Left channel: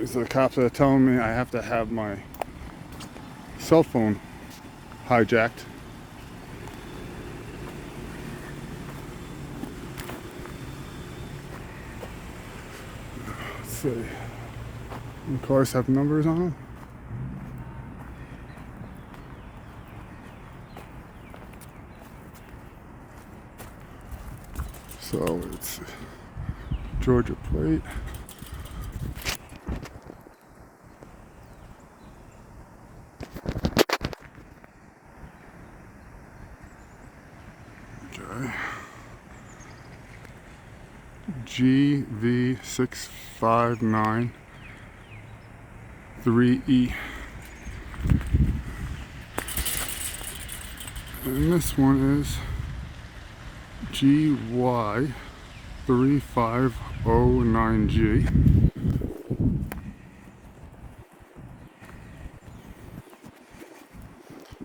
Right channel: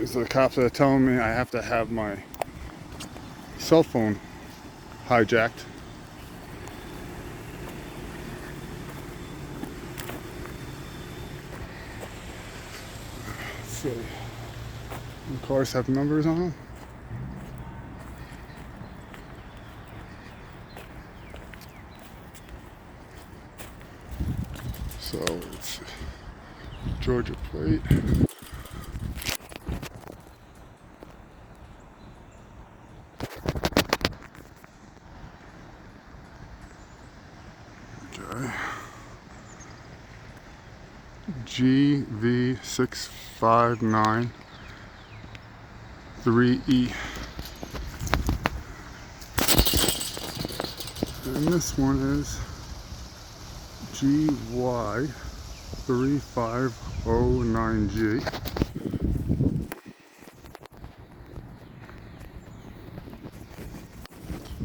is the cops are telling me I have to have my cell phone hijacked. Let's see. The cars have numbers on them. So let's see. Georgia plate. Okay. GV659 3E. And this one is GY3509G.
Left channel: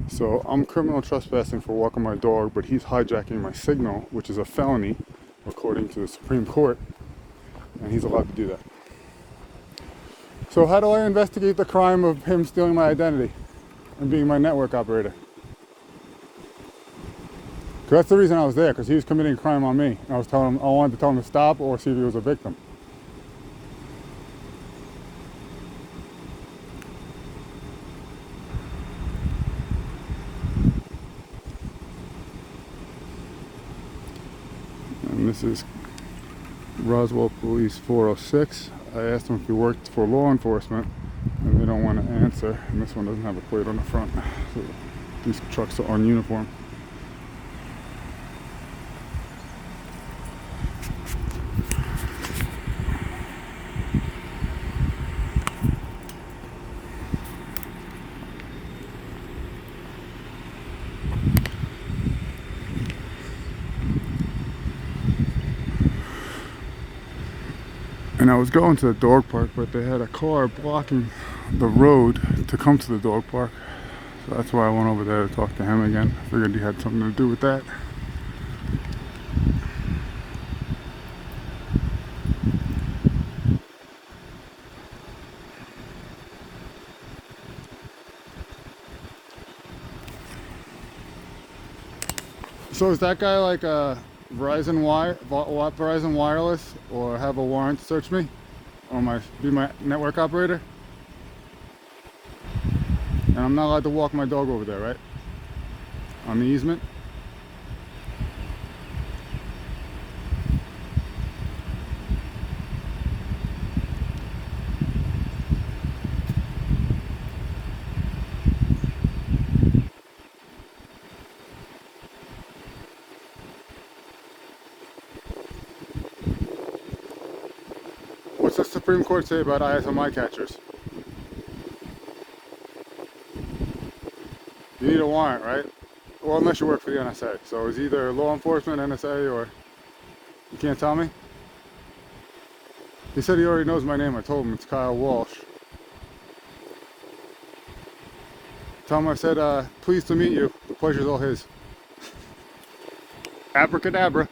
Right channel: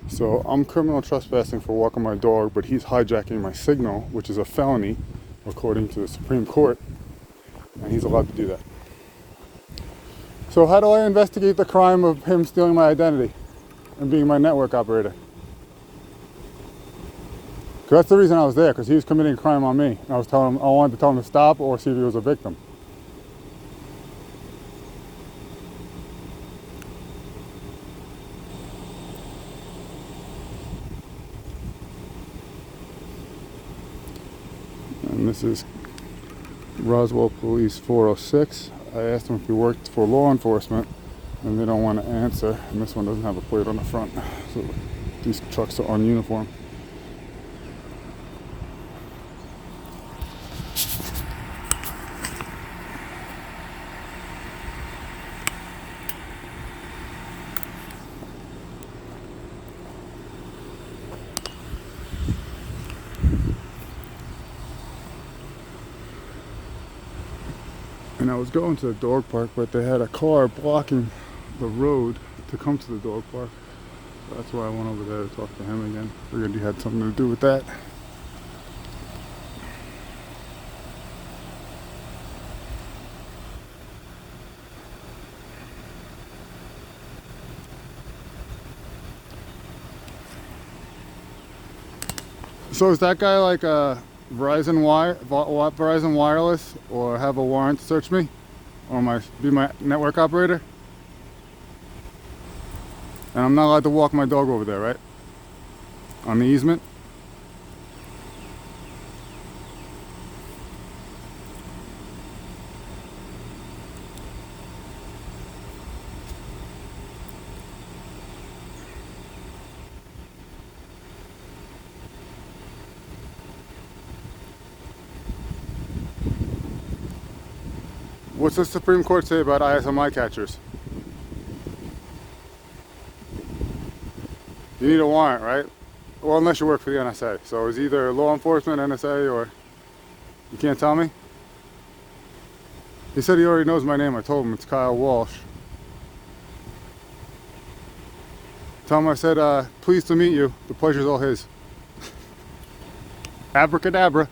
So I'm criminal trespassing for walking my dog, but he's hijacking my signal, which is a felony according to the Supreme Court, and he's allowed to do that. So how do I investigate the crime of him stealing my identity and being my network operator? Because that's the reason I was there, because he was committing a crime on me. I wanted to tell him to stop or see if he was a victim. And this is Roswell Police 406. I asked them if he worked for law enforcement, and they don't want to answer. And this one doesn't have a plate on the front, so these trucks are on uniform. And I was going to the dog park, but they had a car blocking the road to come to the dog park. So that's why I went over there to talk to him again. Figured he had something to do with that. So is that guy like a Verizon Wireless, or have a warrant to search me, or be my network operator? And I'm not allowed to walk my dog over there, right? On the easement? What's the Supreme Court say about ISMI catchers? You need a warrant, right? Well, unless you work for the NSA. So it's either law enforcement, NSA, or... You can't tell me? He said he already knows my name. I told him it's Kyle Walsh. Tell him I said, pleased to meet you. The pleasure's all his. Abracadabra.